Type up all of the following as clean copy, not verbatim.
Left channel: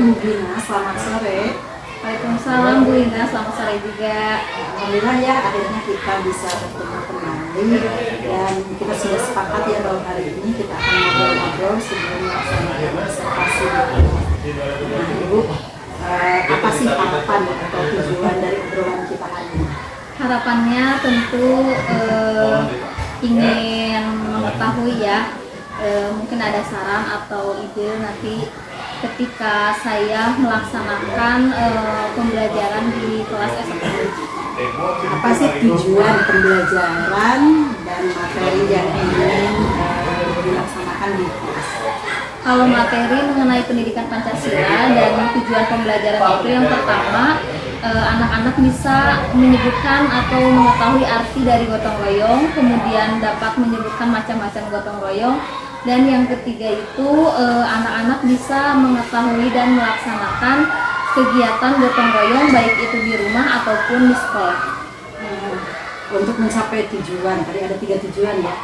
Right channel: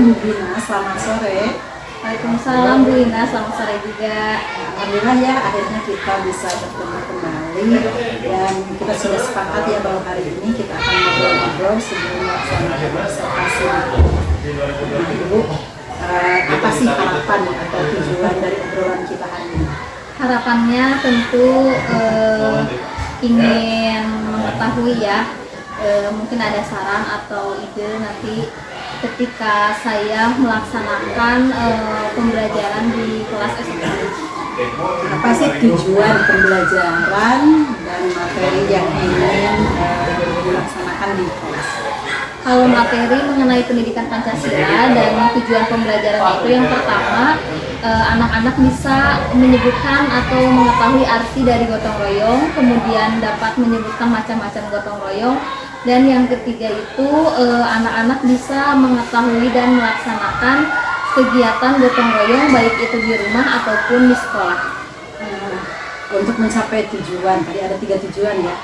Assalamualaikum Bu Ina, selamat sore. Waalaikumsalam Bu Ina, selamat sore juga. Alhamdulillah ya, akhirnya kita bisa bertemu kembali dan kita sudah sepakat ya bahwa hari ini kita akan ngobrol-ngobrol sebelum melaksanakan observasi. Nah Ibu, apa sih harapan atau tujuan dari obrolan kita hari ini? Harapannya tentu ingin mengetahui ya, mungkin ada saran atau ide nanti ketika saya melaksanakan pembelajaran di kelas esok hari. Apa sih tujuan pembelajaran dan materi yang ingin dilaksanakan di kelas? Kalau materi mengenai pendidikan Pancasila dan tujuan pembelajaran itu yang pertama, anak-anak bisa menyebutkan atau mengetahui arti dari gotong royong, kemudian dapat menyebutkan macam-macam gotong royong, dan yang ketiga itu anak-anak bisa mengetahui dan melaksanakan kegiatan gotong royong baik itu di rumah ataupun di sekolah. Untuk mencapai tujuan, tadi ada 3 tujuan ya,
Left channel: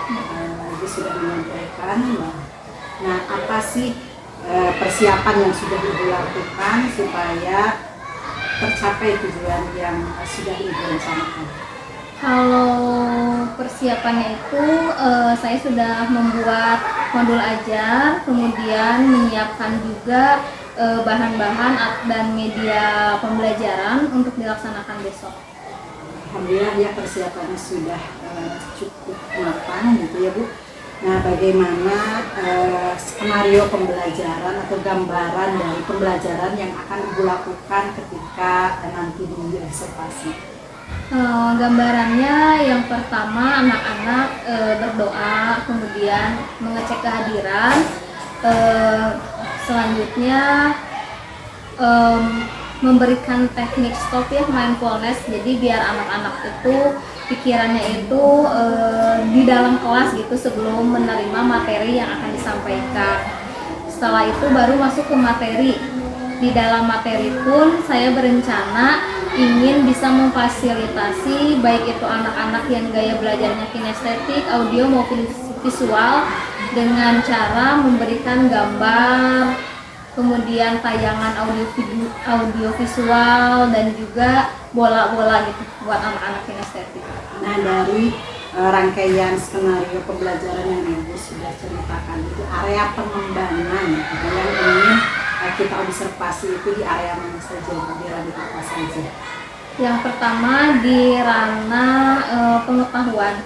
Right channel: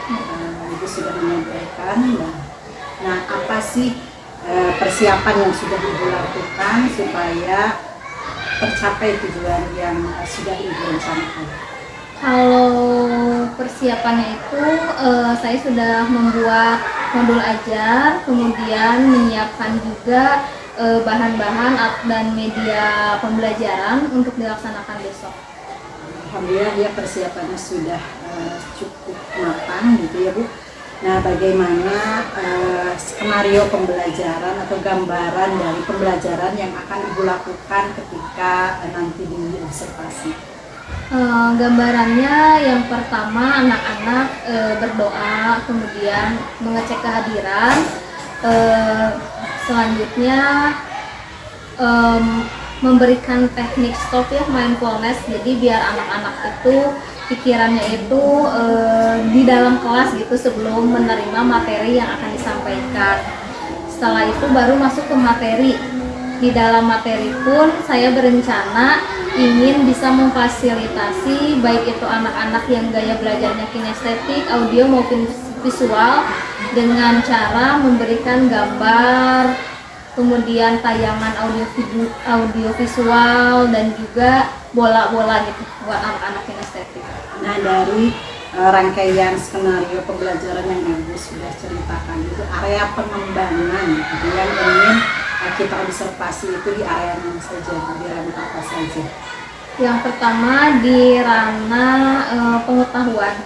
Ibu sudah menyampaikan. Nah, apa sih persiapan yang sudah Ibu lakukan supaya tercapai tujuan yang sudah Ibu rencanakan? Kalau persiapannya itu saya sudah membuat modul ajar, kemudian menyiapkan juga bahan-bahan dan media pembelajaran untuk dilaksanakan besok. Alhamdulillah ya, persiapannya sudah cukup matang gitu ya Bu. Nah, bagaimana skenario pembelajaran atau gambaran dari pembelajaran yang akan Ibu lakukan ketika nanti di observasi? Gambarannya yang pertama anak-anak berdoa, kemudian mengecek kehadiran, selanjutnya memberikan teknik stop ya, mindfulness, jadi biar anak-anak itu pikirannya itu di dalam kelas gitu sebelum menerima materi yang akan disampaikan. Setelah itu baru masuk ke materi. Di dalam materi pun saya berencana ingin bisa memfasilitasi baik itu anak-anak yang gaya belajarnya kinestetik, audio maupun visual dengan cara memberikan gambar, kemudian tayangan audio visual dan juga bola-bola gitu buat anak-anak kinestetik. Nah, dari rangkaian skenario pembelajaran yang Ibu sudah ceritakan itu area pengembangan gitu, yang ingin kita observasi itu di area mana saja, di ranah apa saja? Yang pertama di ranah pengetahuan.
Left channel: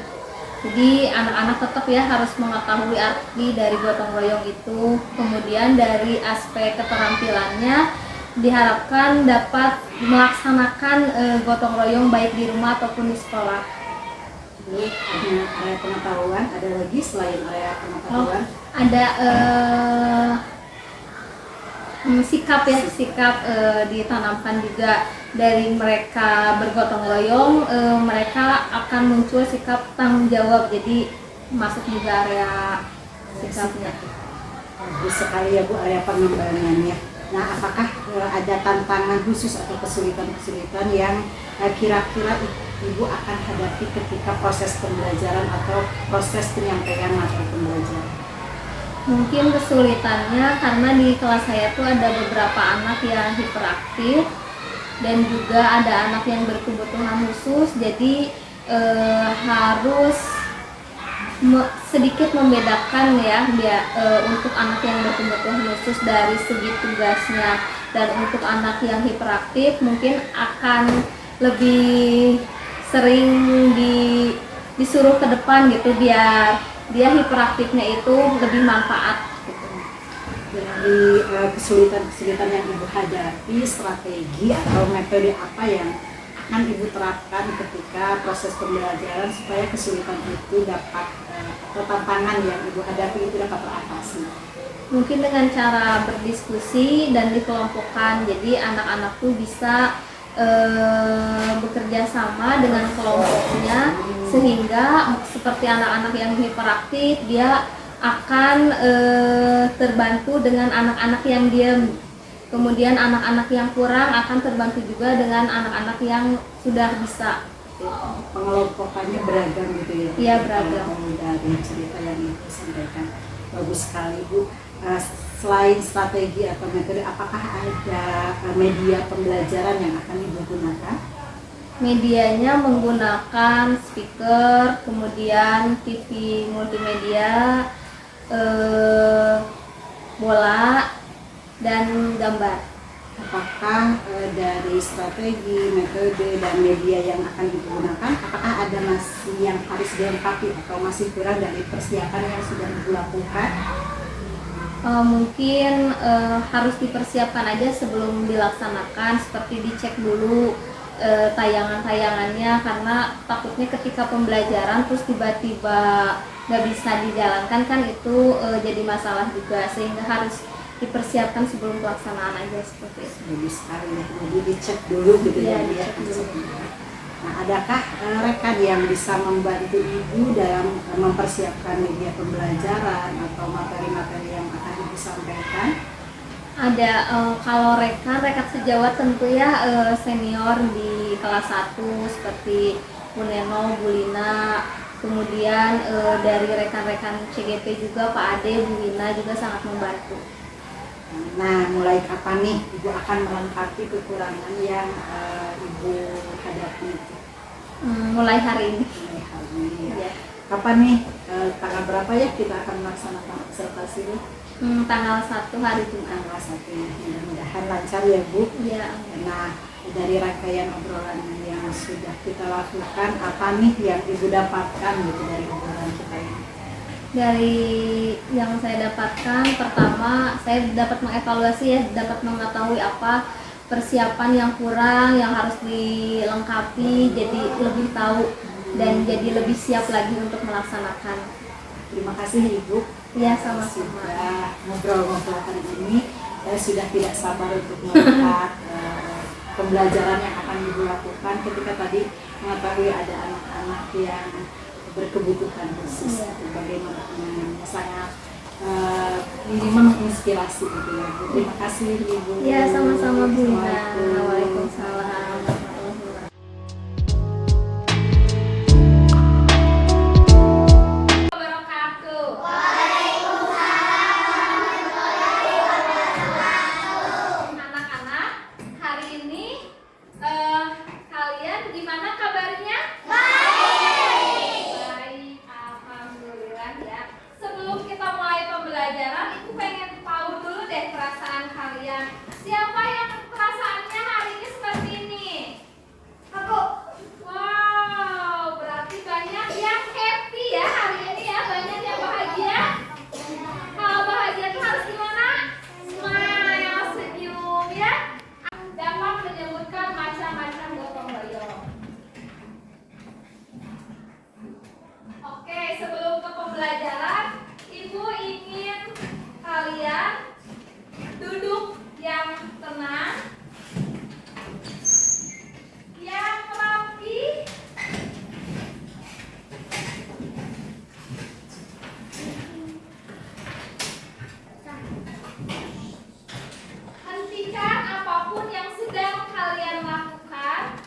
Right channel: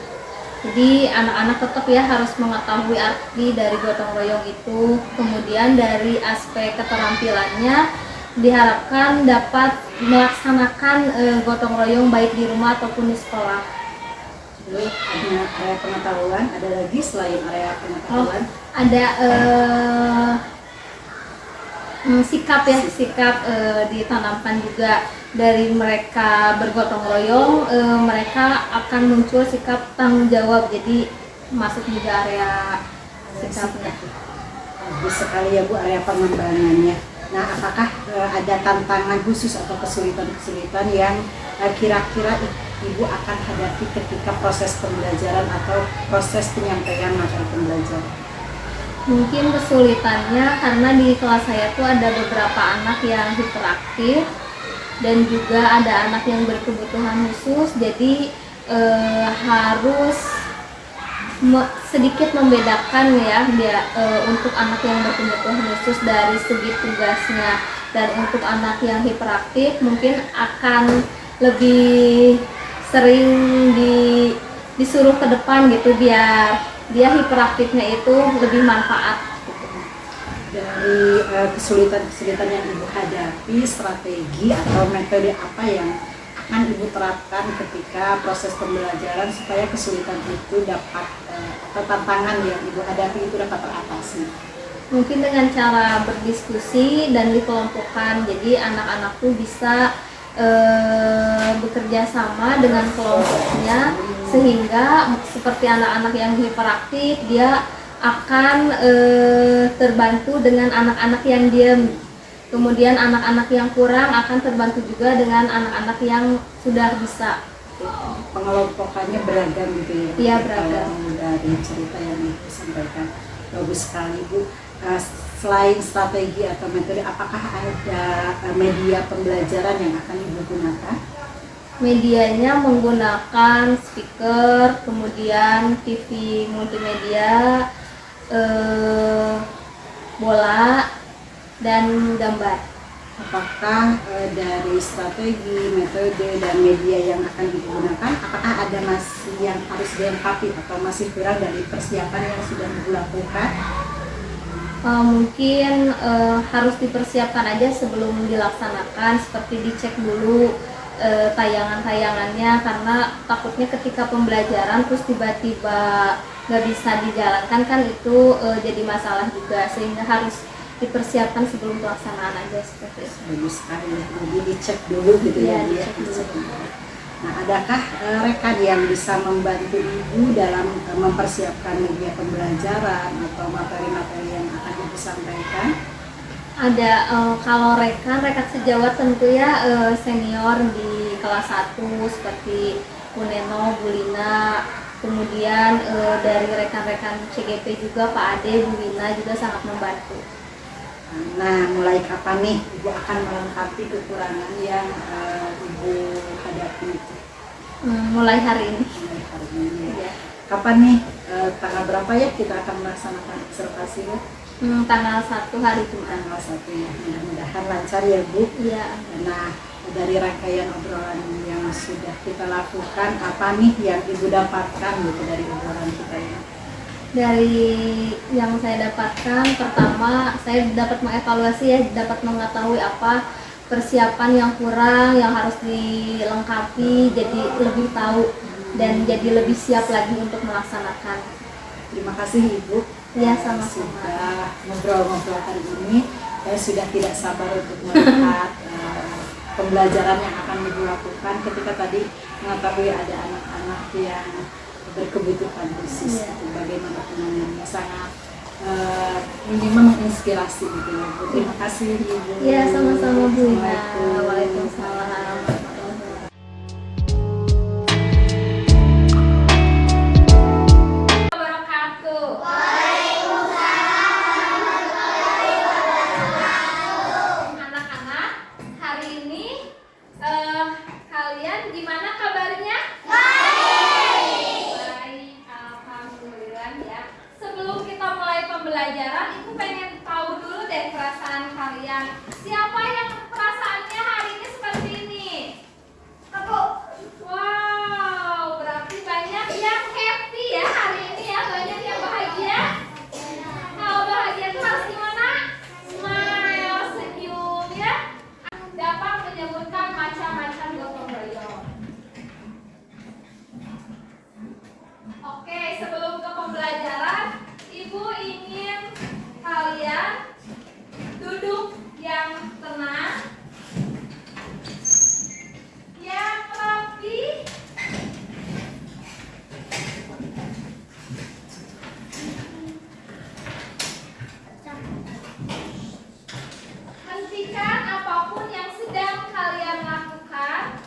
Jadi anak-anak tetap ya harus mengetahui arti dari gotong royong itu. Kemudian dari aspek keterampilannya diharapkan dapat melaksanakan gotong royong baik di rumah ataupun di sekolah. Lalu area pengetahuan, ada lagi selain area pengetahuan? Ada sikap ya, sikap ditanamkan juga dari mereka bergotong royong, mereka akan muncul sikap tanggung jawab, jadi masuk juga area sikapnya. Bagus sekali ya Bu, area pengembangannya. Nah, apakah ada tantangan khusus atau kesulitan-kesulitan yang kira-kira Ibu akan hadapi ketika proses pembelajaran atau proses penyampaian materi pembelajaran? Mungkin kesulitannya karena di kelas saya tuh ada beberapa anak yang hiperaktif dan juga ada anak yang berkebutuhan khusus, jadi harus sedikit membedakan ya untuk anak yang berkebutuhan khusus dari segi tugasnya, dan untuk anak yang hiperaktif mungkin akan lebih sering disuruh ke depan gitu biar dia hiperaktifnya itu lebih manfaat gitu. Dari kesulitan-kesulitan yang Ibu hadapi, strategi atau metode apa yang akan Ibu terapkan ketika proses pembelajaran supaya kesulitan itu dapat atau tantangan yang Ibu hadapi itu dapat teratasi? Mungkin dengan cara berdiskusi dan dikelompokkan, jadi anak-anak tuh bisa bekerja sama dengan kelompoknya, sehingga seperti anak-anak yang hiperaktif dia akan terbantu dengan anak-anak yang diam, kemudian anak-anak yang kurang akan terbantu juga dengan anak-anak yang sudah bisa. Pengelompokannya beragam gitu ya? Iya, beragam. Dari cerita yang Ibu sampaikan, bagus sekali Bu. selain strategi atau metode, apakah ada media pembelajaran yang akan Ibu gunakan? Medianya menggunakan speaker, kemudian TV multimedia, bola, dan gambar. Apakah dari strategi, metode, dan media yang akan digunakan, apakah ada masih yang harus dilengkapi atau masih kurang dari persiapan yang sudah Ibu lakukan? Mungkin harus dipersiapkan aja sebelum dilaksanakan, seperti dicek dulu tayangan-tayangannya, karena takutnya ketika pembelajaran terus tiba-tiba nggak bisa dijalankan kan itu jadi masalah juga, sehingga harus dipersiapkan sebelum pelaksanaan aja seperti itu. Bagus sekali ya, jadi dicek dulu gitu Iya, ya. dicek dulu. Nah, adakah rekan yang bisa membantu Ibu dalam mempersiapkan media pembelajaran atau materi-materi yang akan Ibu sampaikan? Ada, kalau rekan sejawat tentu ya senior di kelas 1 seperti Bu Neno, Bu Lina, kemudian dari rekan-rekan CGP juga Pak Ade, Bu Lina juga sangat membantu. Nah, mulai kapan nih Ibu akan melengkapi kekurangan yang Ibu hadapi itu? Mulai hari ini. Mulai hari ini. Ya. Kapan nih, tanggal berapa ya kita akan melaksanakan observasi Bu? Tanggal 1 hari Jumat. Tanggal 1 ya, mudah-mudahan lancar ya Bu. Iya. Nah, dari rangkaian obrolan yang sudah kita lakukan, apa nih yang Ibu dapatkan gitu dari obrolan kita ini? Dari yang saya dapatkan, pertama saya dapat mengevaluasi ya, dapat mengetahui apa persiapan yang kurang, yang harus dilengkapi, jadi lebih tahu dan jadi lebih siap lagi untuk melaksanakan. Terima kasih Ibu. Ya, sama-sama. Sudah ngobrol-ngobrol hari ini. Saya sudah tidak sabar untuk melihat pembelajaran yang akan Ibu lakukan ketika tadi mengetahui ada anak-anak yang berkebutuhan khusus. Ya. Bagaimana penanganannya sangat minimal menginspirasi gitu ya Bu. Terima kasih Ibu. Ya, sama-sama Bu Ina. Assalamualaikum. Waalaikumsalam. Anak-anak, hari ini kalian gimana kabarnya? Baik, alhamdulillah ya. Sebelum kita mulai pembelajaran, Ibu pengen tahu dulu deh perasaan kalian. Siapa yang perasaannya hari ini seperti ini? Aku. Wow, berarti banyak yang happy ya hari ini ya, banyak yang bahagia. Kalau bahagia itu harus gimana? Smile, senyum ya. Dapat menyebutkan macam-macam gotong royong. Oke, sebelum ke pembelajaran, Ibu ingin kalian duduk yang tenang, yang rapi, hentikan apapun yang sedang kalian lakukan,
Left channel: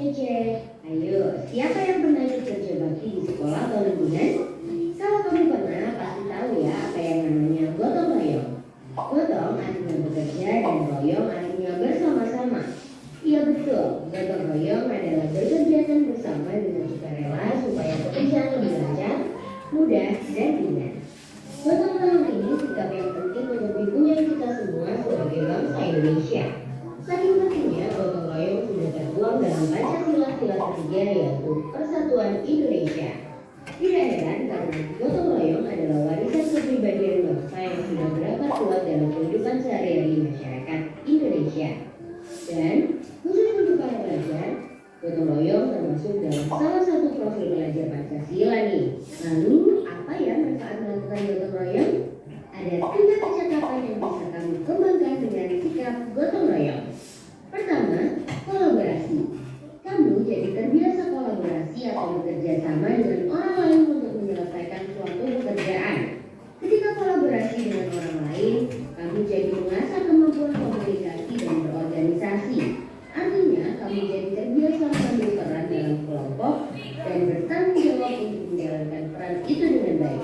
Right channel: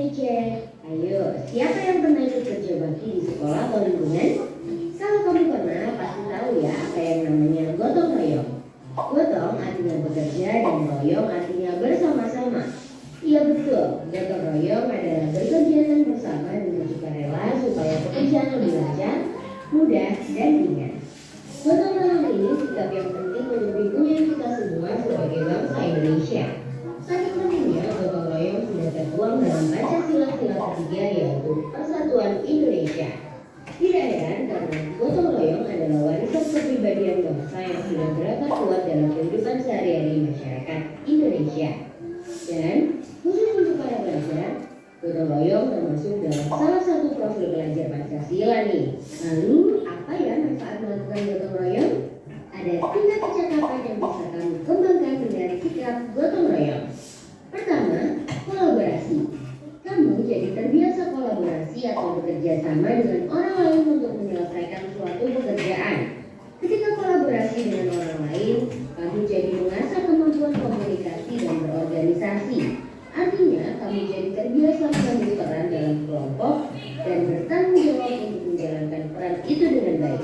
waktunya cek. Ayo, siapa yang pernah ikut kerja bakti di sekolah atau lingkungan? Kalau kamu pernah, pasti tahu ya apa yang namanya gotong royong. Gotong artinya bekerja dan royong artinya bersama-sama. Iya betul, gotong royong adalah bekerja bersama dengan sukarela supaya pekerjaan lebih lancar, mudah, dan ringan. Gotong royong ini sikap yang penting untuk lingkungan kita semua sebagai bangsa Indonesia. Saking pentingnya gotong royong sudah tertuang dalam Pancasila sila ketiga yaitu Persatuan Indonesia. Tidak heran karena gotong royong adalah warisan kepribadian bangsa yang sudah berakar kuat dalam kehidupan sehari-hari masyarakat Indonesia. Dan khusus untuk para pelajar, gotong royong termasuk dalam salah satu profil belajar Pancasila nih. Lalu apa ya manfaat melakukan gotong royong? Ada 3 kecakapan yang bisa kamu kembangkan dengan sikap gotong royong. Pertama, kolaborasi. Kamu jadi terbiasa kolaborasi atau bekerja sama dengan orang lain untuk menyelesaikan suatu pekerjaan. Ketika kolaborasi dengan orang lain, kamu jadi mengasah kemampuan komunikasi dan berorganisasi. Artinya, kamu jadi terbiasa mengambil peran dalam kelompok dan bertanggung jawab untuk menjalankan peran itu dengan baik.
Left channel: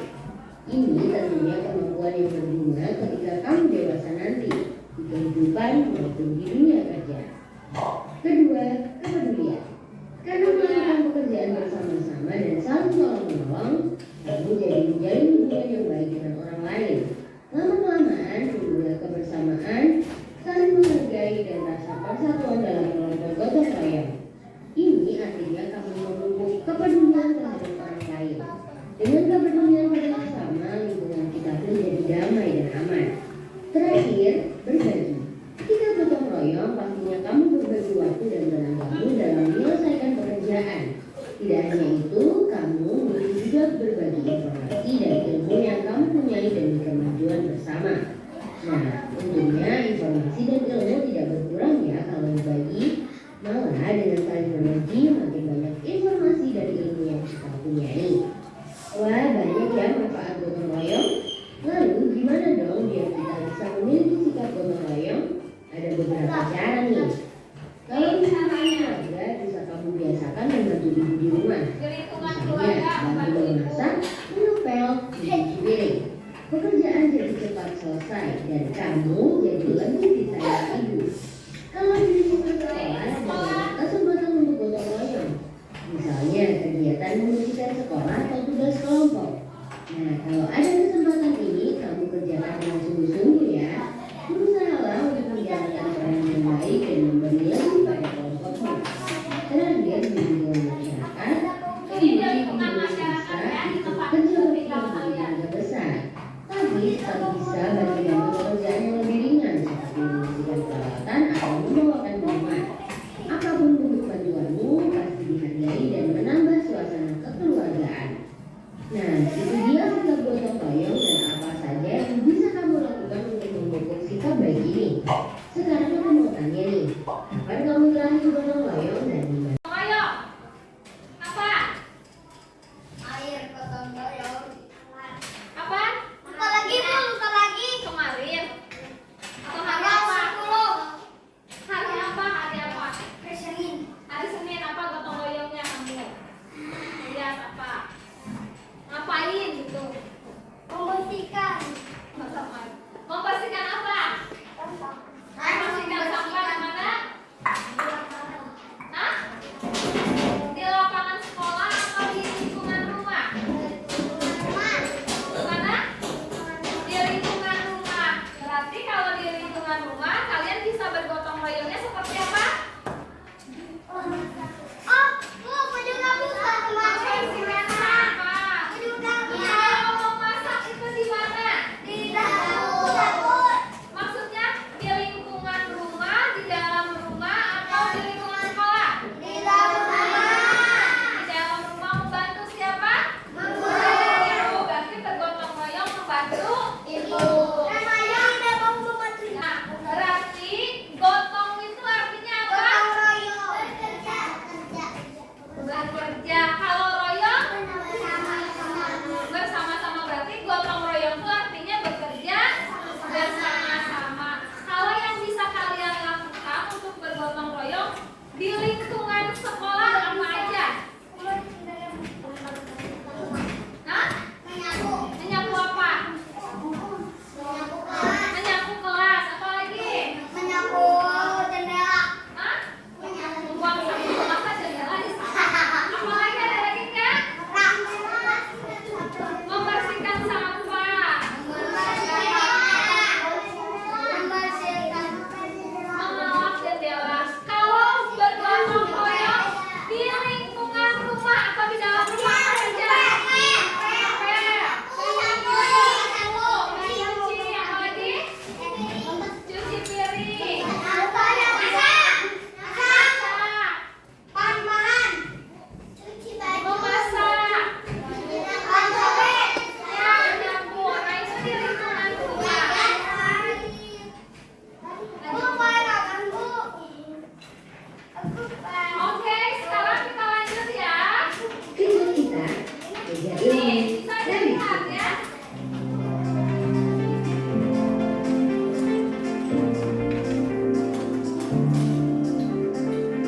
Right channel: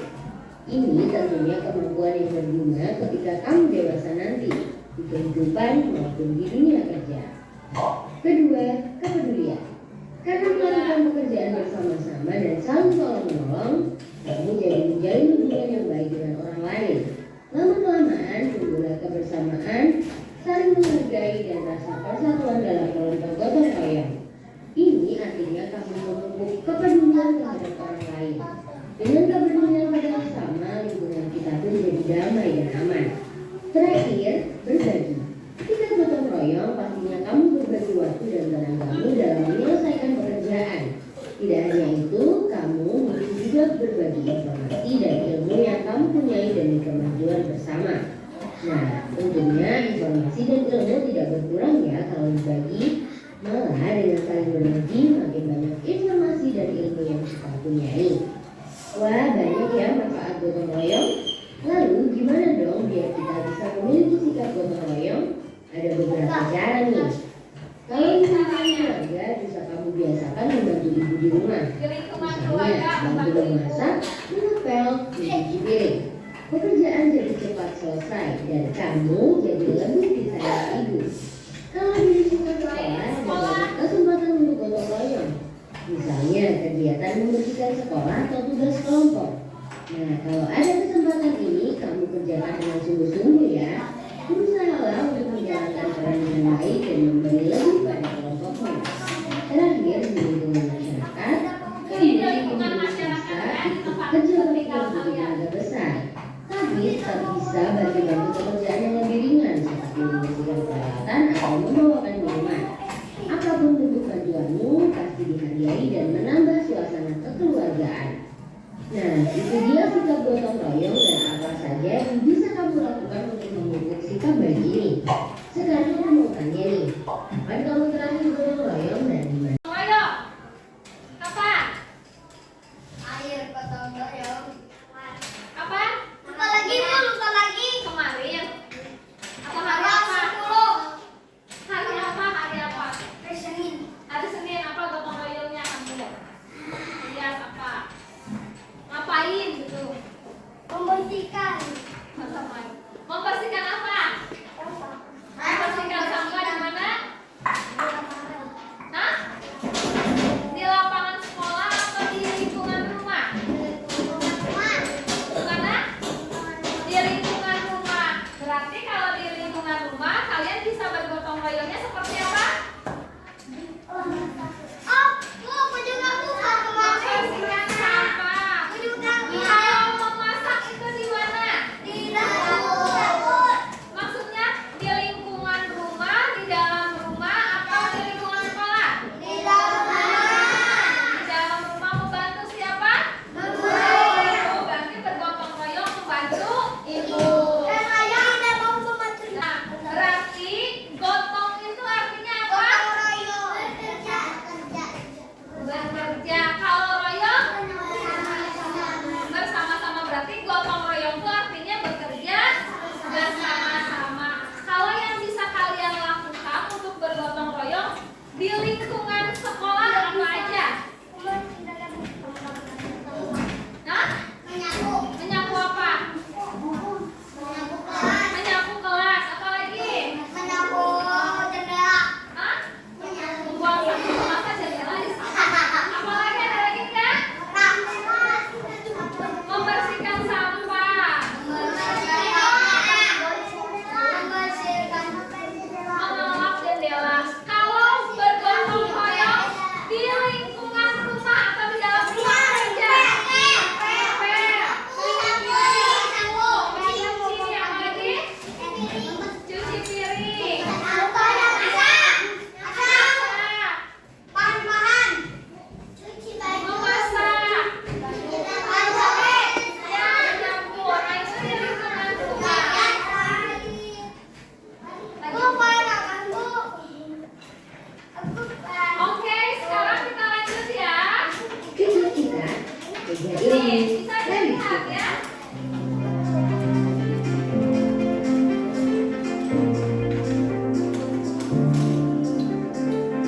Ini tentunya kemampuan yang berguna ketika kamu dewasa nanti di kehidupan maupun di dunia kerja. Kedua, kepedulian. Karena melakukan pekerjaan bersama-sama dan saling tolong-menolong, kamu jadi menjalin hubungan yang baik dengan orang lain. Lama-kelamaan, tumbuhlah kebersamaan, saling menghargai dan rasa persatuan dalam kelompok gotong royong. Ini artinya kamu memupuk kepedulian terhadap orang lain. Dengan kepedulian bersama, lingkungan kita pun jadi damai dan aman. Terakhir, berbagi. Ketika gotong royong, pastinya kamu berbagi waktu dan tenagamu dalam menyelesaikan pekerjaan. Tidak hanya itu, kamu mungkin juga berbagi informasi dan ilmu yang kamu punyai demi kemajuan bersama. Nah, tentunya informasi dan ilmu tidak berkurang ya kalau dibagi. Malah dengan saling berbagi, makin banyak informasi dan ilmu yang kita punyai. Wah, banyak ya manfaat gotong royong. Lalu gimana dong biar kita bisa memiliki sikap gotong royong? Ada beberapa cara nih. Kalau misalnya keluarga, bisa kamu biasakan membantu ibu di rumah. Misalnya bantu memasak, mengepel, mencuci piring. Pekerjaan jadi cepat selesai dan kamu jadi lebih disayang ibu. Kalau di lingkungan sekolah ada banyak kesempatan untuk gotong royong. Misalnya kegiatan membersihkan sekolah atau tugas kelompok. Nah, kalau ada kesempatan ini, kamu kerjakan dengan sungguh-sungguh ya. Berusahalah untuk menjalankan peran dengan baik dan memberi lebih pada kelompokmu. Terakhir, di lingkungan masyarakat, kamu bisa ikut kerja bakti yang tenaga besar. Tapi tetap bisa bantu-bantu pekerjaan yang lebih ringan seperti membersihkan peralatan atau membawakan minuman. Apapun bentuk bantuanmu pasti dihargai dan menambah suasana kekeluargaan. Nah, itu dia sikap gotong royong dan apa saja yang bisa kamu lakukan untuk memupuk sikap baik ini. Sekarang aku mau tanya nih, kapan kamu terakhir gotong royong dan di mana? Ayo, apa? Air gotong royong. Apa? Lupa lagi bu, lupa lagi. Kemarin? Atau hari Tanggal apa? 10 Hari apa? Hari apa? hari Senin. Hari Senin apa gotong royongnya kamu? Lihat apa? Ngapain gitu? Membersihkan Membersihkan apa? Membersihkan sampah di mana? Di lingkungan sekolah apa aja? Hah? Menyapu. Menyapu apa? Menyapu kelas. Menyapu kelas. Apa lagi? Menyapu jendela. Hah? Menyapu. Buang sampah masa jendela disapu. Apa lagi ada lagi nggak? Membersihkan sampah. Mengelap jendela. Kalau bergotong royong di lingkungan rumah atau di dalam rumah aja. Cuci apa lagi? Cuci piring. Memasak. Ya, dapur. Nah, itu di lingkungan rumah. Oke, sekarang kita lanjut ya. Ikut kita menjadi Nih, ilmu bisa dan dilihat diskusi. ya.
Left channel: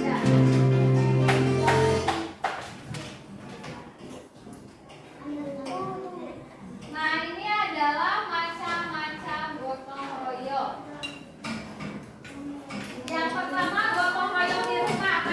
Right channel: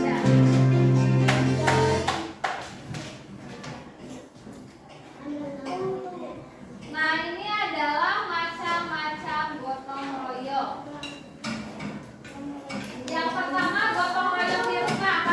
Ya. Nah, ini adalah macam-macam gotong royong. Yang pertama gotong royong di rumah.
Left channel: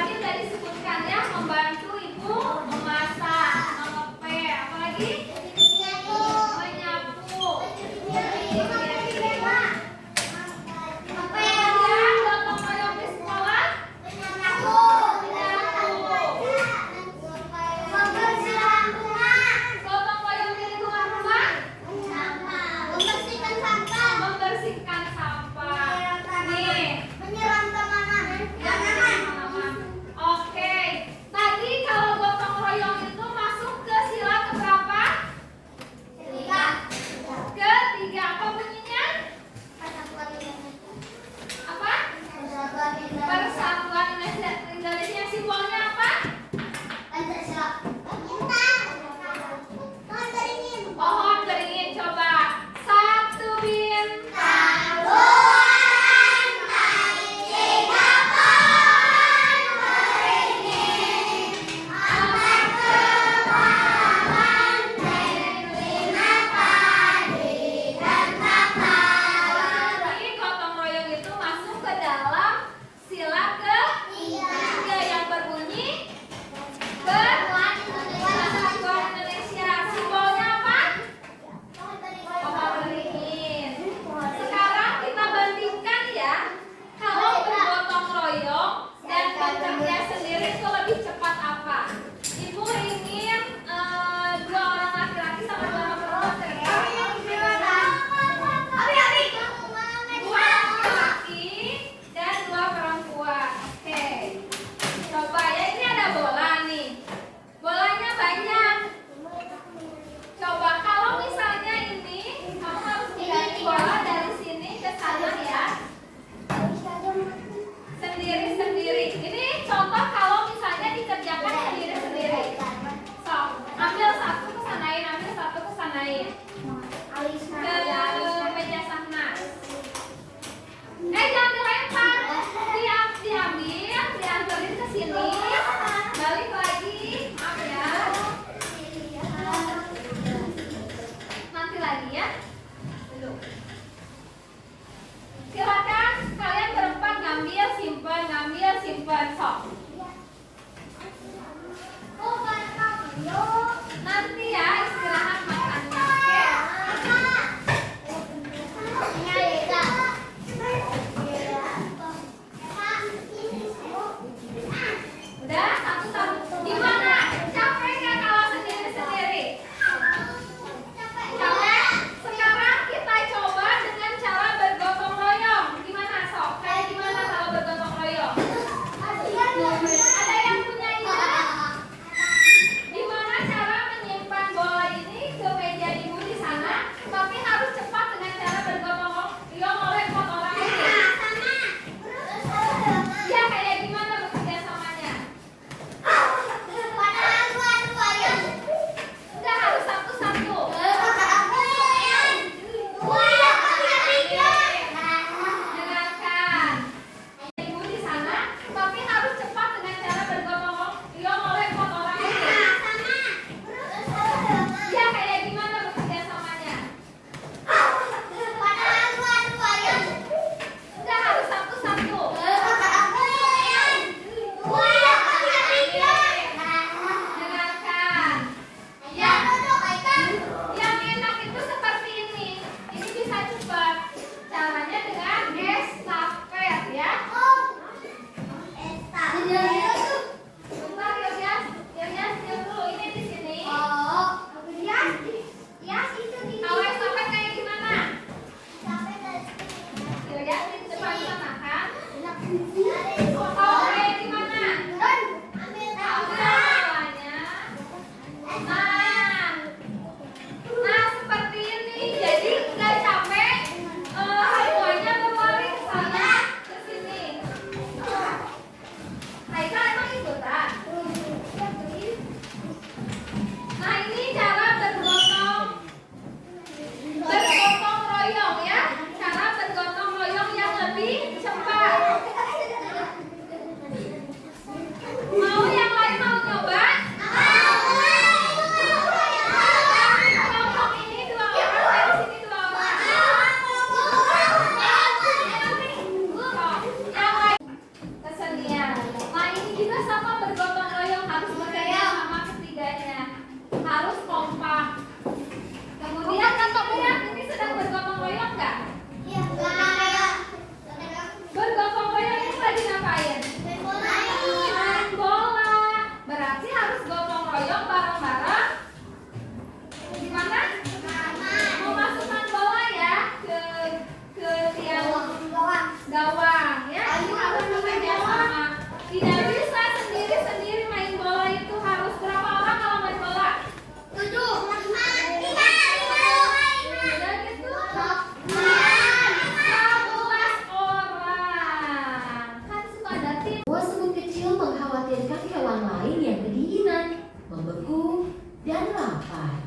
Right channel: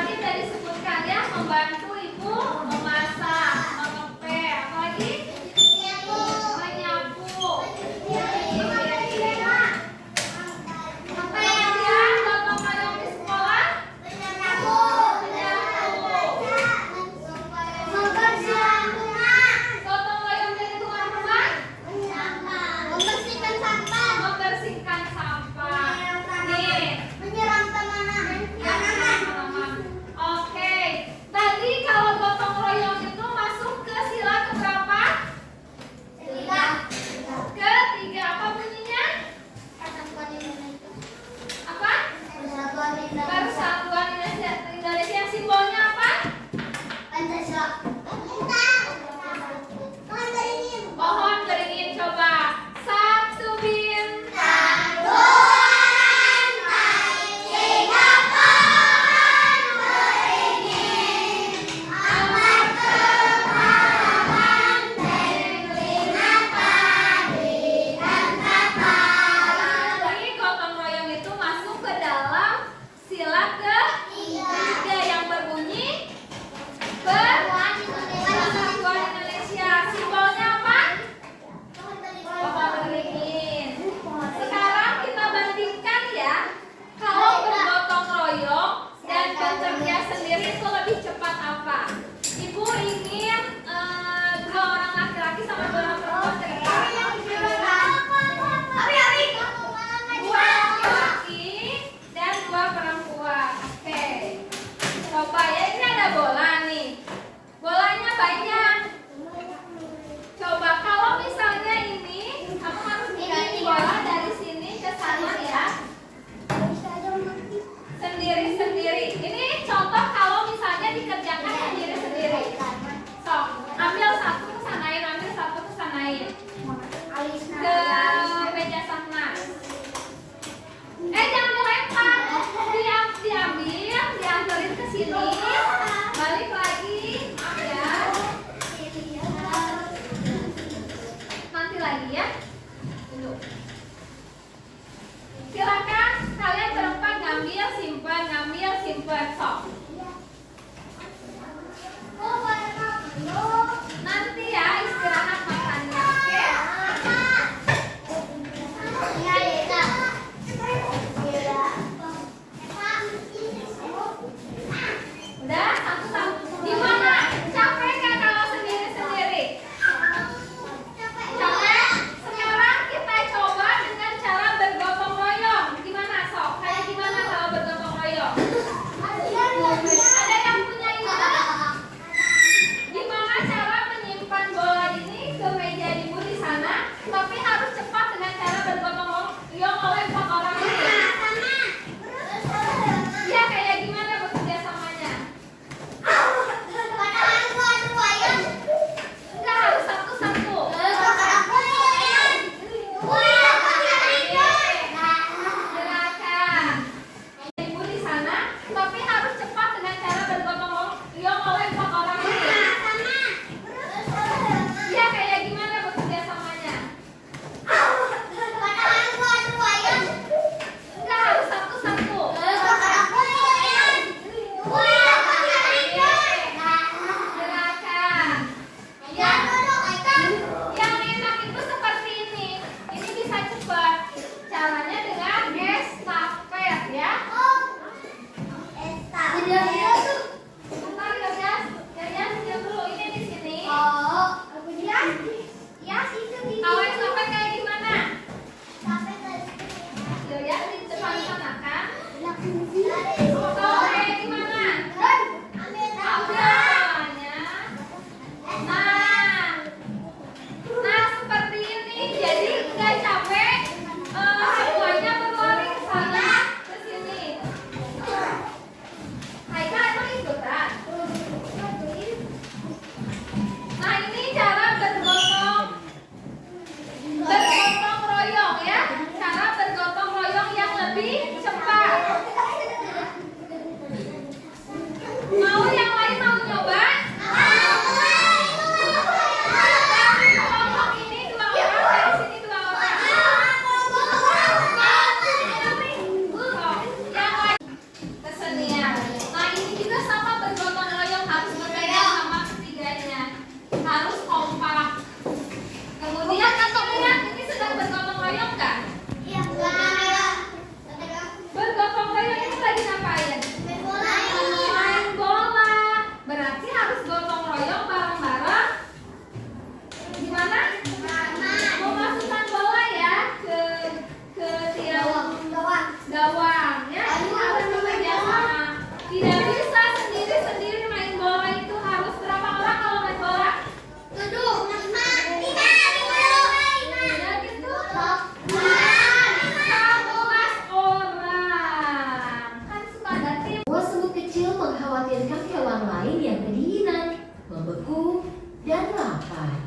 melahirkan hewan lain yang kedinginan, membeku, dan lapar.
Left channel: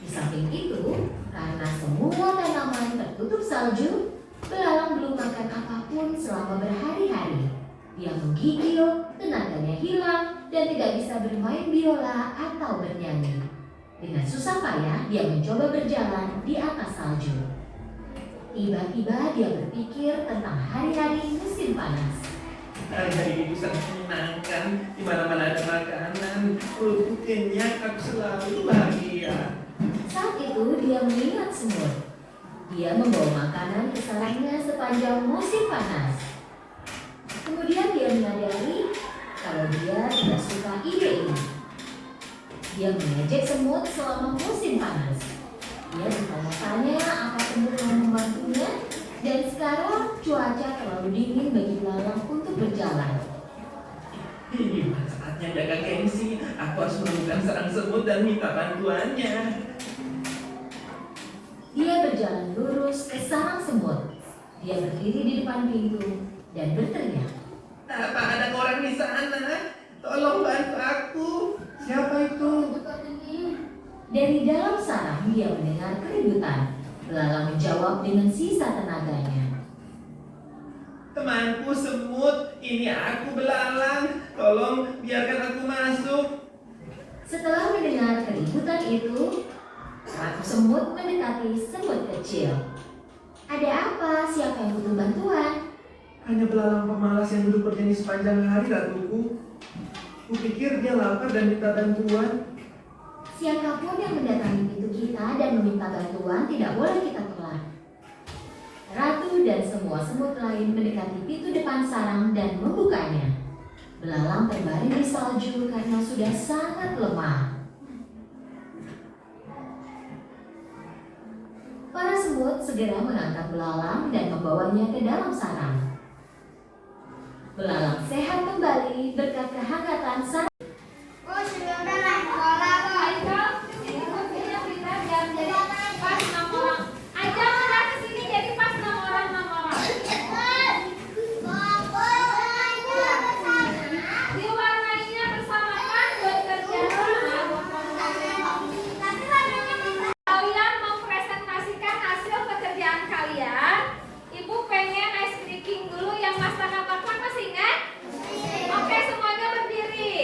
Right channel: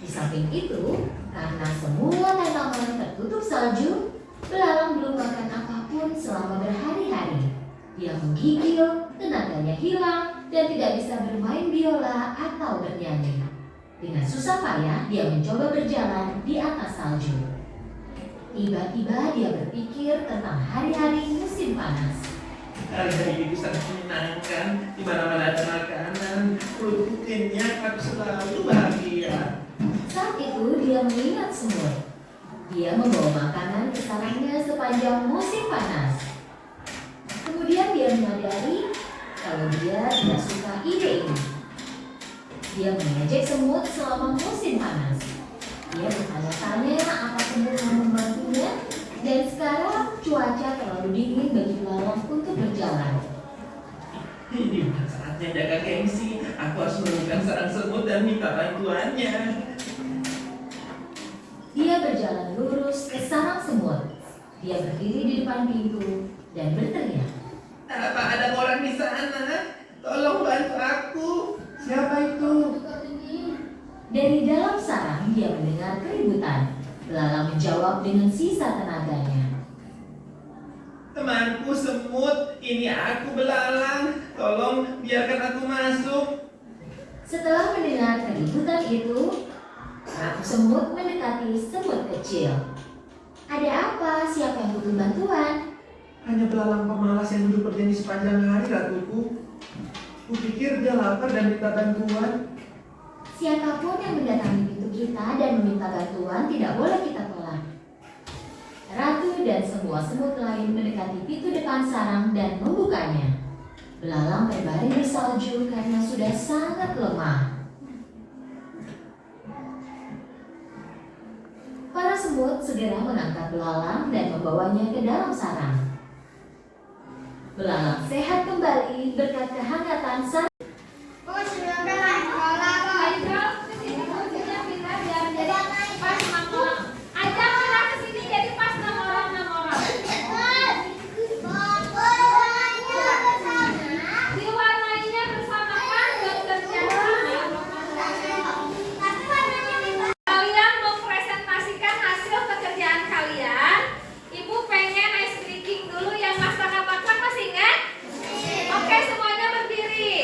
Di samping itu, karena semua tanaman tertutup salju, belalang belum makan apapun selama berhari-hari. Dia menggigil, tenaganya hilang, dan tidak bisa bermain biola atau bernyanyi. Dengan susah payah, dia mencoba berjalan di atas salju. Tiba-tiba dia berpikir tentang hari-hari musim panas. Hari-hari itu sangat menyenangkan. Di mana-mana ada makanan, perutku kenyang, aku selalu bahagia. Saat itu dia melihat semut. Dia membawa makanan ke sarangnya sepanjang musim panas. Kemudian dia menyadari kalau dia tidak suka ide ini. Dia mengejek semut selama musim panas. Dia bertanya-tanya apa semut yang membantunya, dan sekarang cuaca terlalu dingin bagi belalang untuk berjalan. Ini bukan saatnya dagang gengsi. Aku harus menemukan sarang semut dan minta bantuannya. Dia berjalan lurus ke sarang semut. Dia berdiri di depan pintu dan berteriak. Apa ada orang di sana? Tolong bantu aku. Siapa itu? Dari dalam sarang dia mendengar keributan. Belalang menjawab dengan sisa tenaganya. Temanku semut, ini aku belalang. Tolong biarkan aku masuk. Setelah mendengar keributan itu, Ratu semut mendekati semut kecil. Ada apa? Siapa yang butuh bantuan? Hanya belalang pemalas yang duduk bernyanyi sepanjang hari, ratuku. Kupikir dia lapar dan minta bantuan. Siapapun yang mendatangi pintu kita dan meminta bantuan tidak boleh kita tolak. Ratu dan semua semut lain mendekati pintu depan sarang dan membukanya. Belalang terbaring di salju karena sudah sangat lemah. Para semut segera mengangkat belalang dan membawanya ke dalam sarang. Belalang sehat kembali berkat kehangatan sarang. Oh, sudah udah sekolah kok. Kesini kuncinya kita biar jadi pas 6 orang. Ajak kita kesini jadi pas 6 orang 6 orang. Diwarnainya bersama kan bekerja sama. Kalian mempresentasikan hasil pekerjaan kalian. Ibu pengen ice breaking dulu yang masak apa masih ingat? Oke, semuanya berdiri.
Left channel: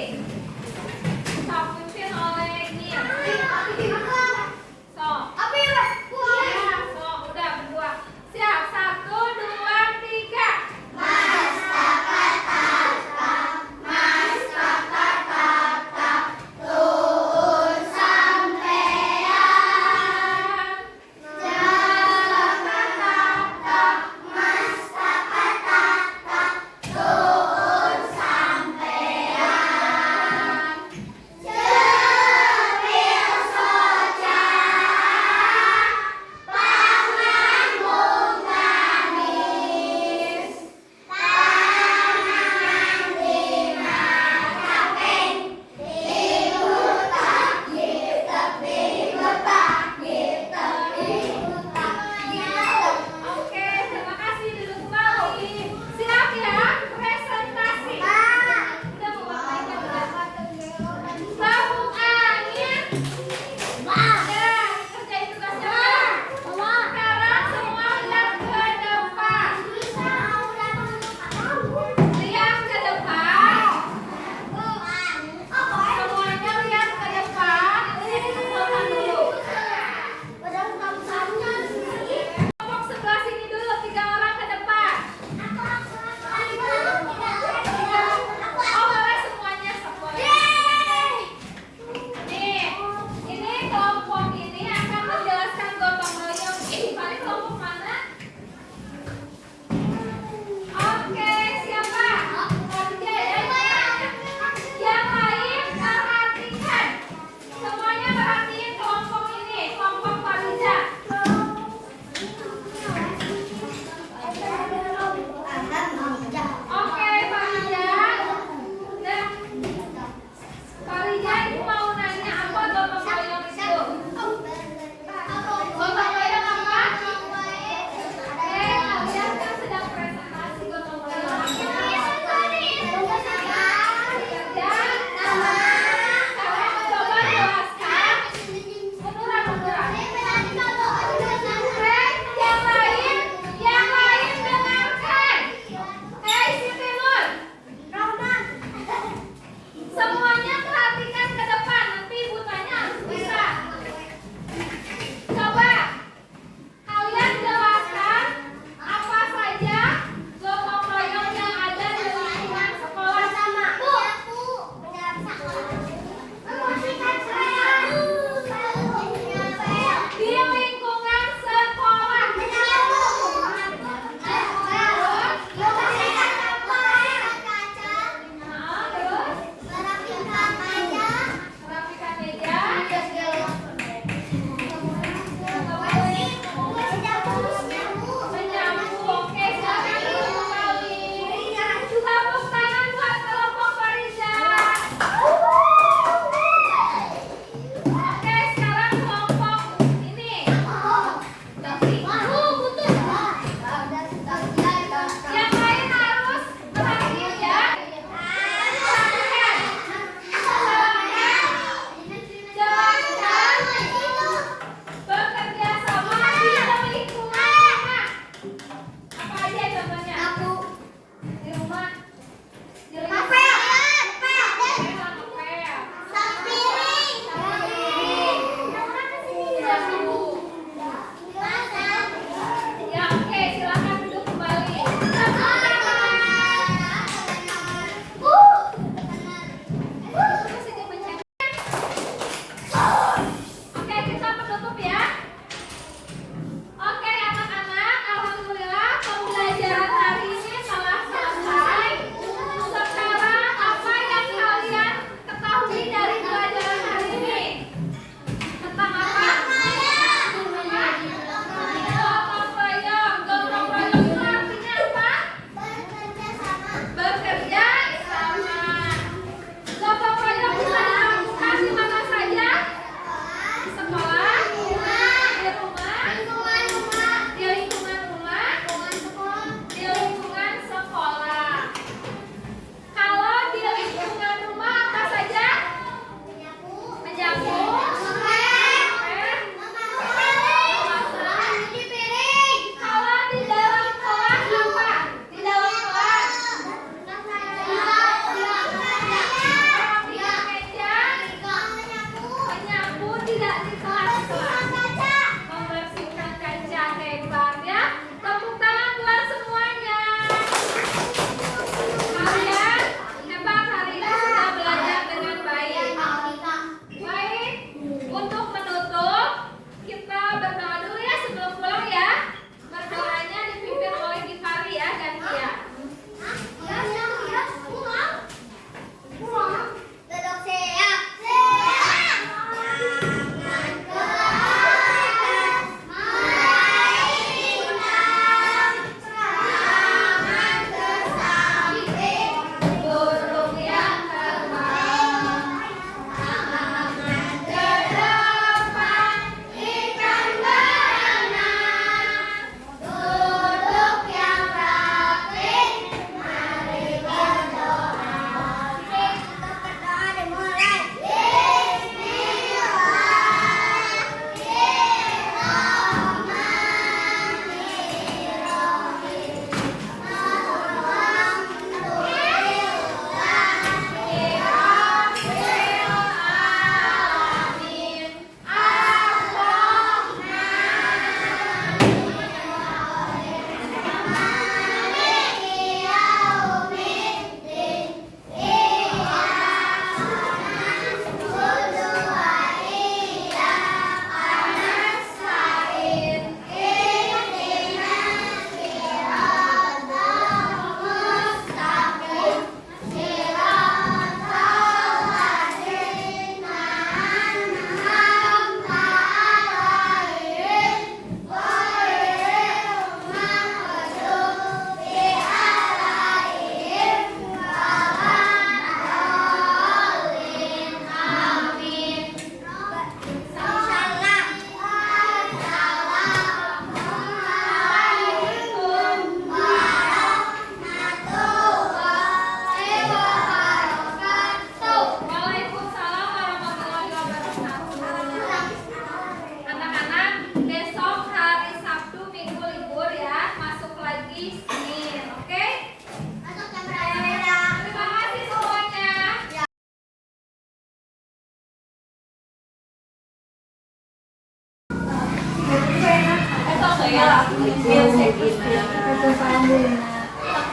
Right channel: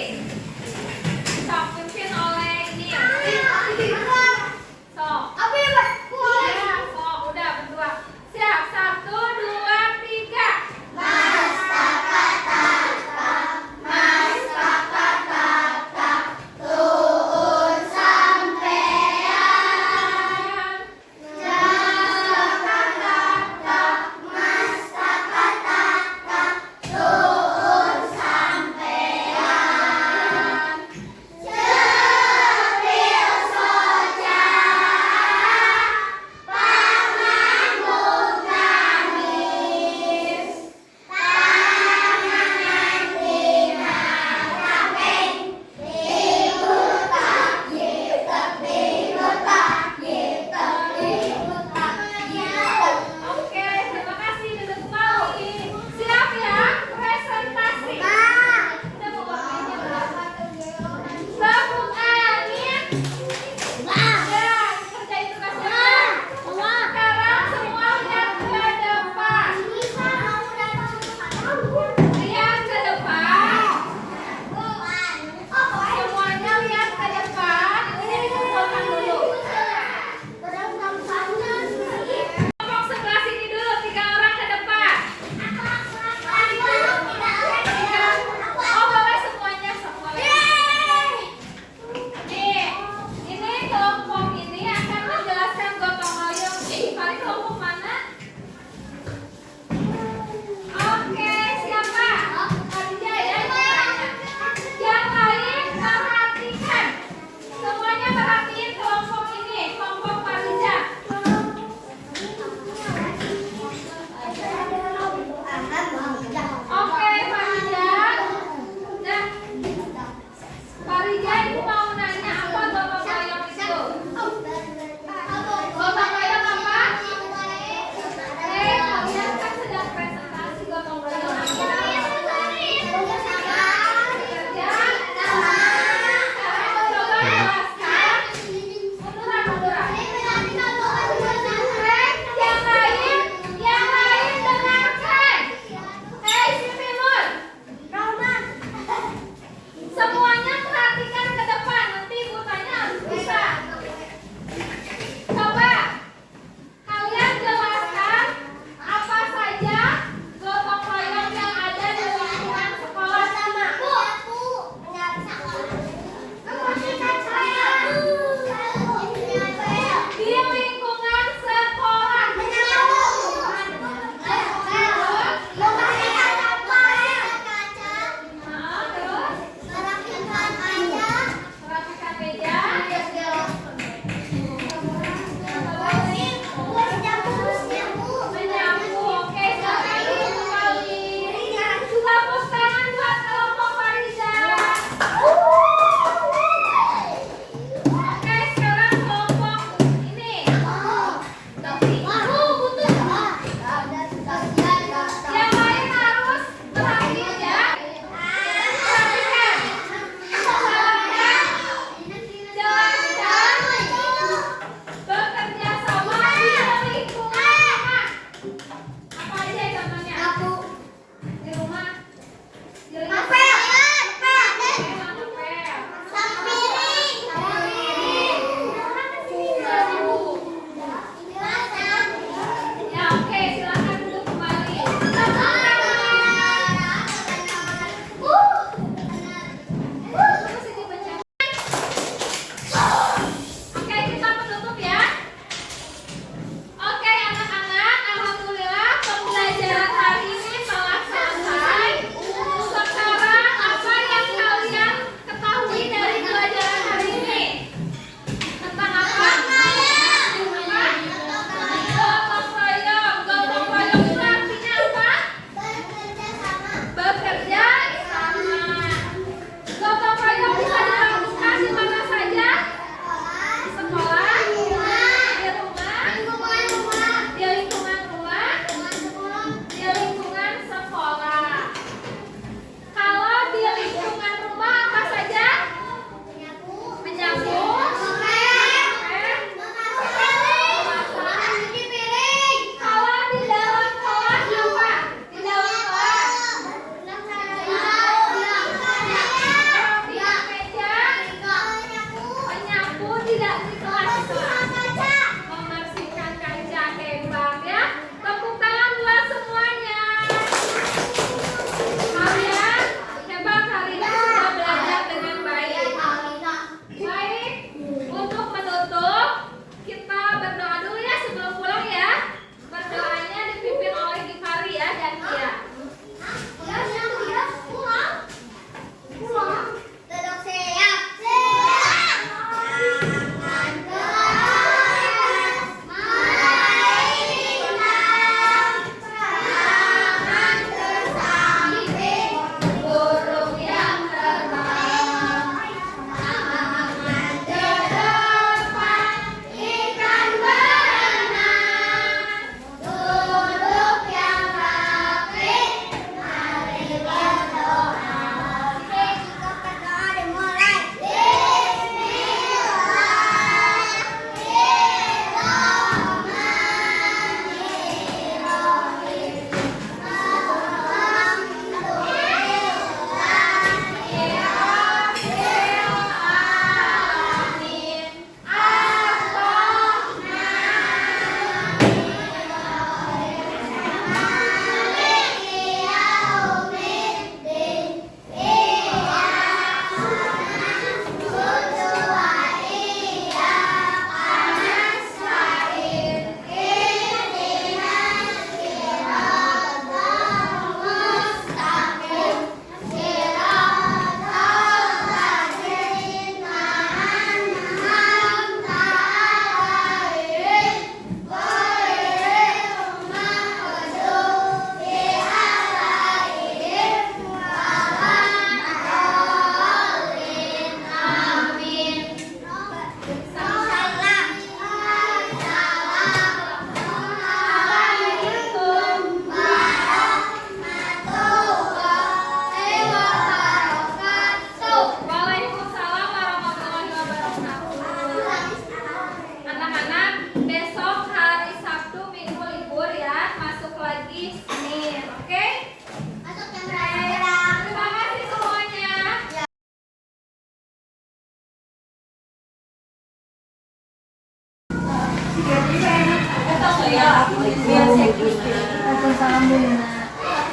Assalamualaikum Bu Gina. Waalaikumsalam Bu Lina.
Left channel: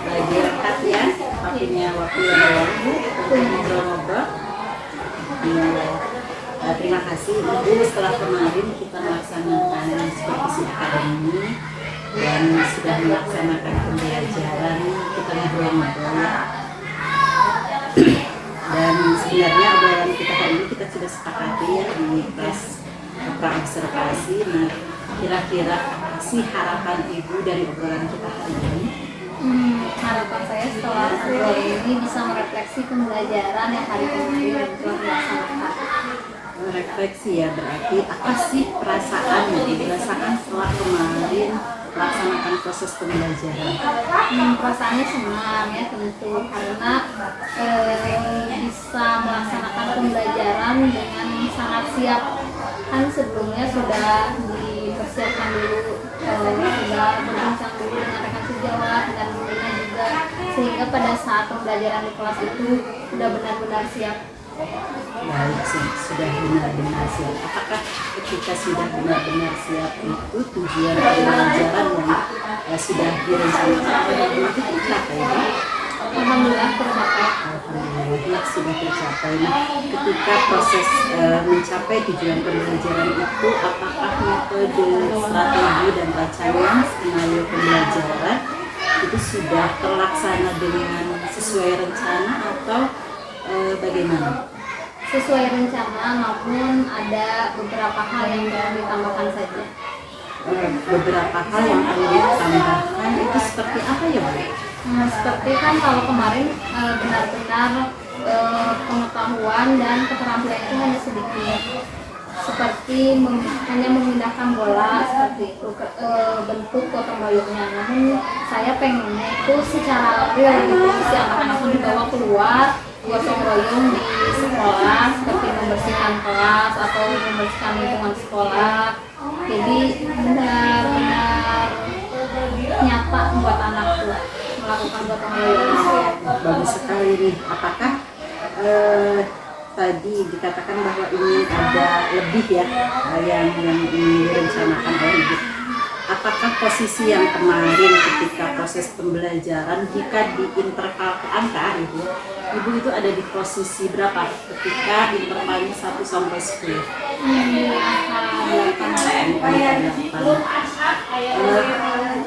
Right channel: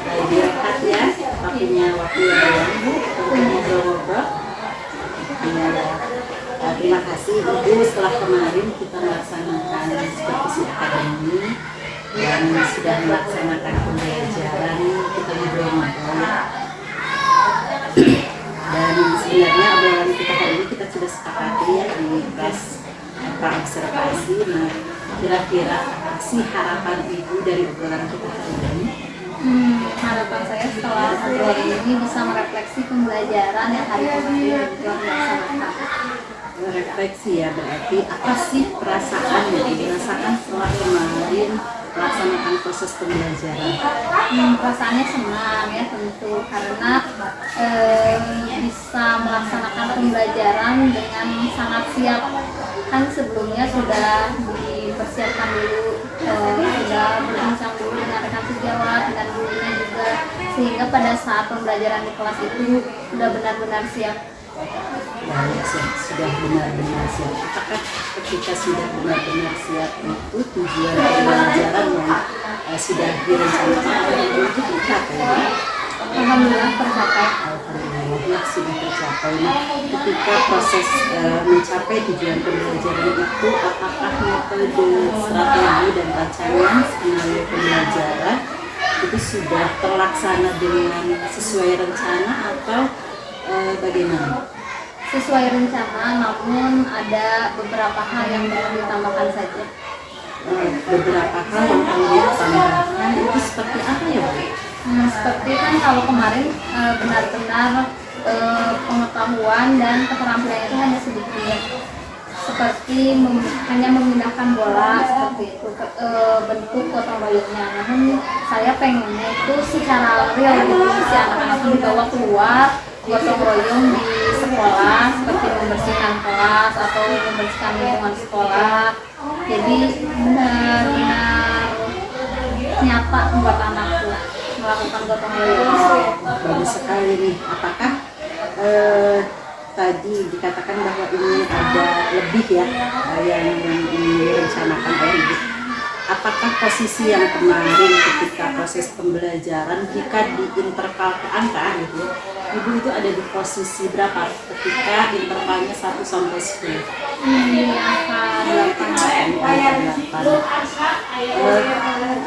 Lagi rehat ya, papinya waktu yang lalu Bu, untuk ngobrol-ngobrol. Ya, terima kasih Ibu, setelah kemarin kita melaksanakan supervisi akademi dan sudah melaksanakan pembelajaran, kita ngobrol-ngobrol ya. Dan sebenarnya obrolan kita hari ini kita sudah sepakati ya di kelas praobservasi. Nah, kira-kira apa sih harapan Ibu dari obrolan kita hari ini? Harapan saya setelah obrolan ini bisa merefleksi pembelajaran yang hari kemarin telah dilaksanakan. Refleksi ya, berarti apa sih perasaan yang dirasakan setelah kemarin melaksanakan proses pembelajaran? Perasaannya senang ya tentu karena bisa melaksanakan pembelajaran dengan sangat siap. Kan sebelumnya sudah dipersiapkan dulu, sudah berbincang dulu dengan rekan sejawat dan gurunya juga, sehingga pada saat pembelajaran di kelas itu sudah benar-benar siap. Baik, sudah benar-benar siap. Apakah ketika sudah benar-benar siap itu tujuan pembelajaran yang sudah direncanakan itu tercapai? Alhamdulillah tercapai. Alhamdulillah sudah tercapai. Nah, ketika proses mencapai tujuan pembelajaran itu, apakah metode, strategi dan rancangan skenario pembelajaran itu sudah terlaksana dengan sesuai rencana atau bagaimana? Sesuai rencana, namun ada beberapa hal yang perlu ditambahkan saja. Beberapa hal yang perlu ditambahkan itu seperti apa ya Bu? Seperti kan kalau kemarin benar-benar pengetahuan dan keterampilan itu hanya sedikit, seperti hanya memindahkan bola seperti itu, bentuk gotong royongnya. Namun saya pengennya itu secara real gitu, si anak-anak dibawa keluar gotong royong di sekolah, seperti membersihkan kelas atau membersihkan lingkungan sekolah. Jadi benar-benar nyata buat anakku melakukan gotong royong. Bagus sekali nih. Apakah tadi dikatakan bahwa ini ada lebih ya yang ini direncanakan oleh Ibu? Apakah posisi yang kemarin ketika proses pembelajaran jika diinterval ke angka Ibu itu ada di posisi berapa ketika intervalnya 1 sampai 10? Angka 8.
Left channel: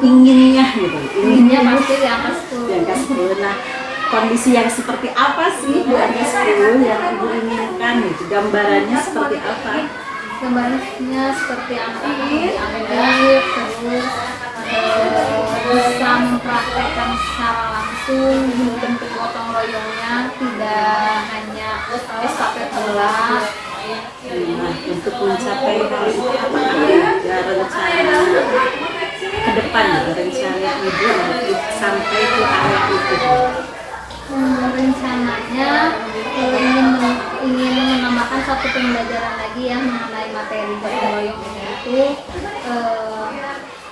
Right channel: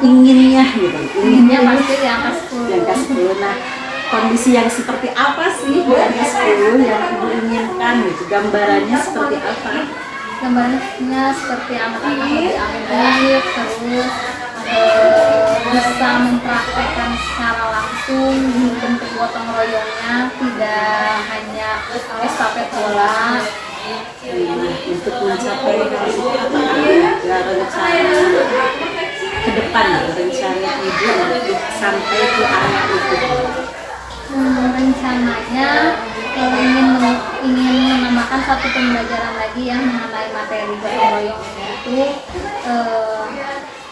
Inginnya gitu. Inginnya pasti di angka 10. Di angka 10. Nah, kondisi yang seperti apa sih di angka 10 yang Ibu inginkan gitu? Gambarannya seperti apa? Gambarnya seperti anak-anak lebih aktif, terus bisa mempraktekkan secara langsung bentuk gotong royongnya, tidak hanya estafet bola. Nah, untuk mencapai hal itu apakah ada rencana ke depan gitu, rencana Ibu untuk sampai ke area itu? Rencananya ingin menambahkan satu pembelajaran lagi yang mengenai materi gotong royong itu.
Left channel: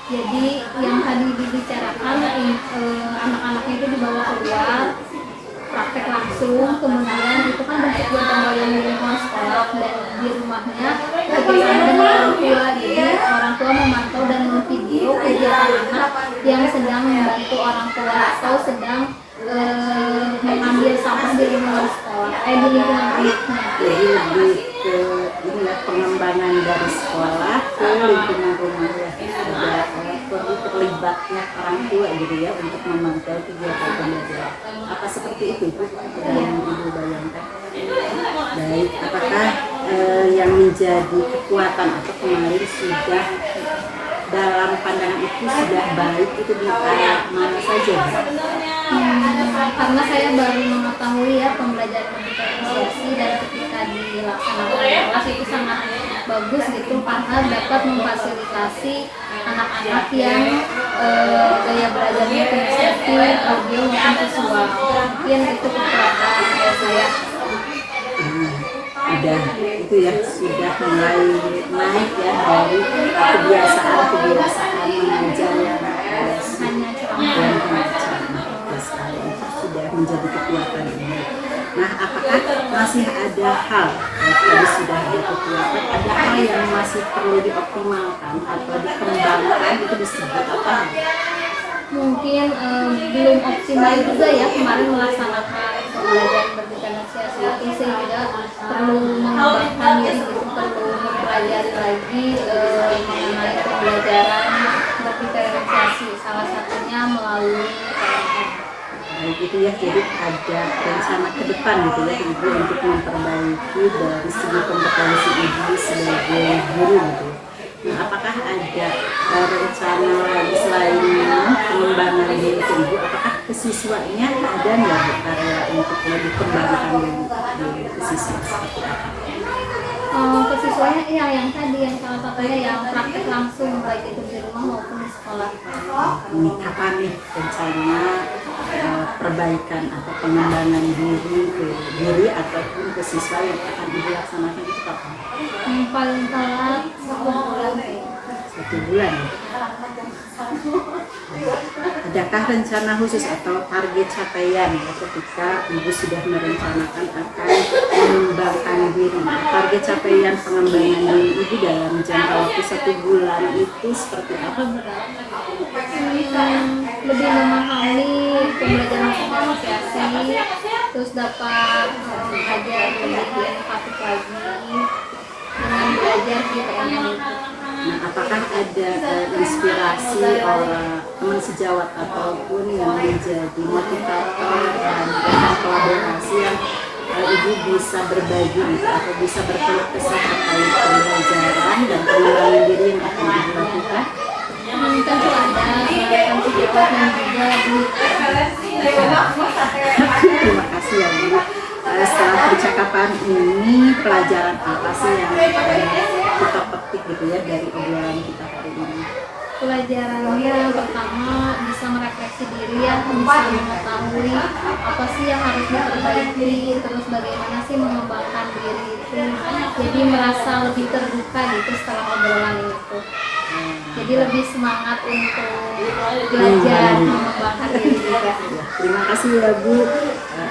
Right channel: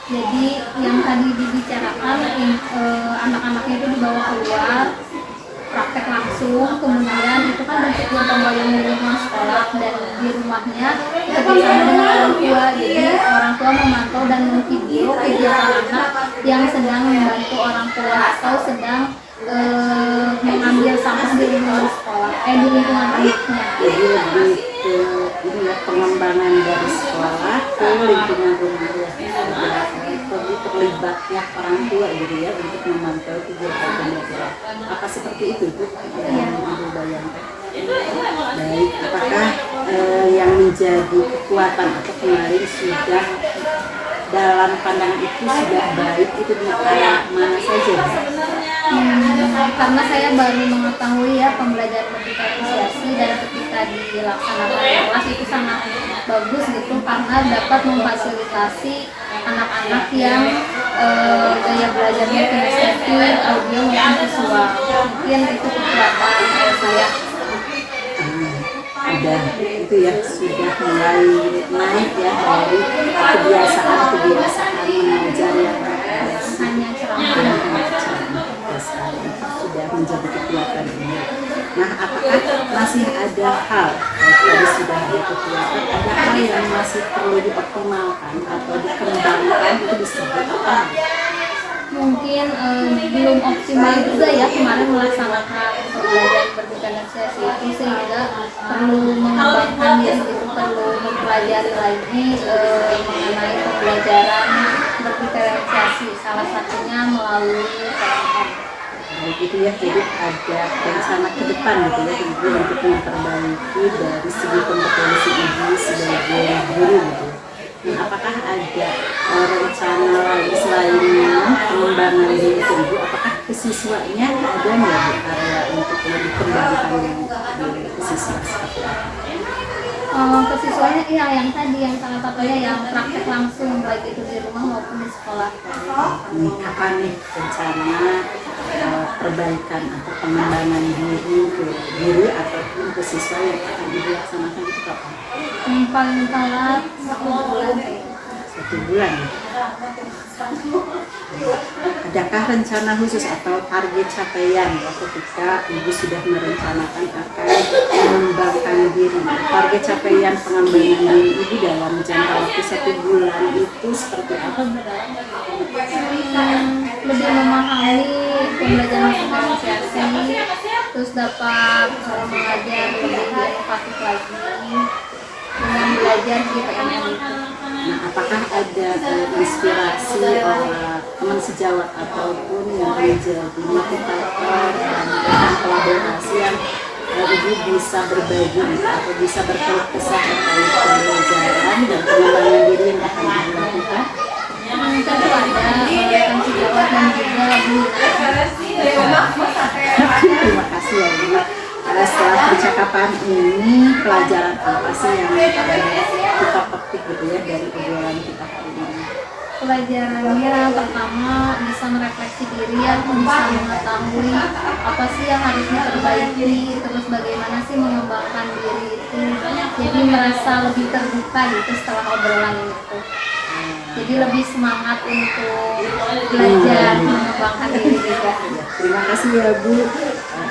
Jadi yang tadi dibicarakan anak-anaknya itu dibawa keluar praktek langsung, kemudian itu kan bentuk gotong royong di lingkungan sekolah dan di rumahnya bekerjasama dengan orang tua. Jadi orang tua memantau dan memvideo kegiatan anak yang sedang membantu orang tua atau sedang mengambil sampah di lingkungan sekolah, di lingkungan anaknya. Jadi lebih ke ini ya, pengembangan dari sekolah ke lingkungan rumah ya, ada terlibatnya orang tua gitu ya untuk memantau kegiatan pembelajaran. Apa seperti itu Bu yang Ibu bayangkan? Baik, apakah yang menjadi kekuatan atau kemarin sudah dalam pandangan itu sudah baik itu di area mana saja? Karena saya baru mengetahui ya pembelajaran berdiferensiasi dan ketika dilaksanakan di kelas itu sangat bagus gitu karena dapat memfasilitasi anak-anak yang gaya belajarnya kinestetik, audio maupun visual. Mungkin itu kekuatan saya. Udah itu ya sudah mulai naik ya dari kebiasaan mengajar yang Hanya ceramah. sekali sudah menjadi kekuatan ini. Nah, apakah masih ada hal, tadi sudah dikeluarkan, ada hal yang masih perlu dioptimalkan atau dikembangkan, itu disebut apa? Mungkin belum optimal juga ya kemarin melaksanakan pembelajaran pendidikan negosiasi itu, sehingga perlu mengembangkan ya, itu perlu mempelajari lagi mengenai pembelajaran pendidikan negosiasi, salah satunya melalui PNM. Gitu ya, jadi ada rencana ke depan gitu ya Ibu untuk memperbaiki dari segi kompetensi Ibu sebagai guru gitu. Nah, apakah ada rencana lagi selain pengembangan diri Ibu, apakah ke siswanya ada nggak Bu area untuk lebih kembangkan diri ke siswa seperti apa? Ke siswanya ya yang tadi, yang salah satunya yang praktek langsung baik itu di rumah maupun di sekolah. Ini kapan nih rencana perbaikan atau pengembangan diri ke diri ataupun ke siswa yang akan dilaksanakan itu kapan? Paling telat 1 bulan. 1 bulan ya? Adakah rencana khusus atau target capaian ya ketika Ibu sudah merencanakan akan mengembangkan diri? Target capaian pengembangan diri Ibu dalam jangka waktu 1 bulan itu seperti apa? Lebih memahami pembelajaran negosiasi, terus dapat mengajar lebih inovatif lagi dengan belajar di PNM itu. Nah, apakah ada inspirasi teman sejawat ataupun yang menjadi motivator dan kolaborasi yang Ibu bisa berbagi atau bisa berkeluh kesah terkait pembelajaran dan pengembangan diri yang akan Ibu lakukan? Tentu ada teman sejawat dan juga guru. Terima kasih ya Bu. Setelah percakapan ini, pelajaran apa sih yang kita petik gitu ya dari obrolan kita hari ini? Pelajarannya pertama bisa merefleksi diri ya, bisa mengetahui apa sih yang harus diperbaiki, terus bagaimana sih mengembangkan diri itu. Jadi merasa lebih terbuka gitu setelah obrolan itu. Jadi lebih semangat untuk belajar mengembangkan diri juga. Terima kasih ya Bu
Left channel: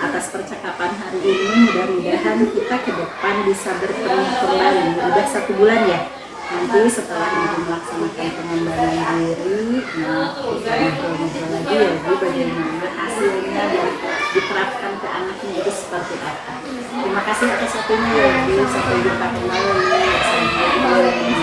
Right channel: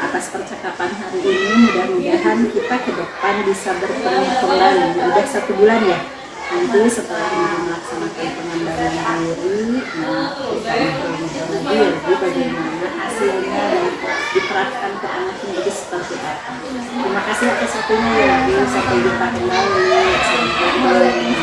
atas percakapan hari ini. Mudah-mudahan kita ke depan bisa bertemu kembali. Udah 1 bulan ya. Nanti setelah Ibu melaksanakan pengembangan diri, nah kita ngobrol-ngobrol lagi ya Bu bagaimana hasilnya dan diterapkan ke anaknya itu seperti apa. Terima kasih atas waktunya ya Bu. Sampai jumpa kembali. Assalamualaikum.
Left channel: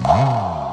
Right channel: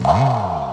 Oh.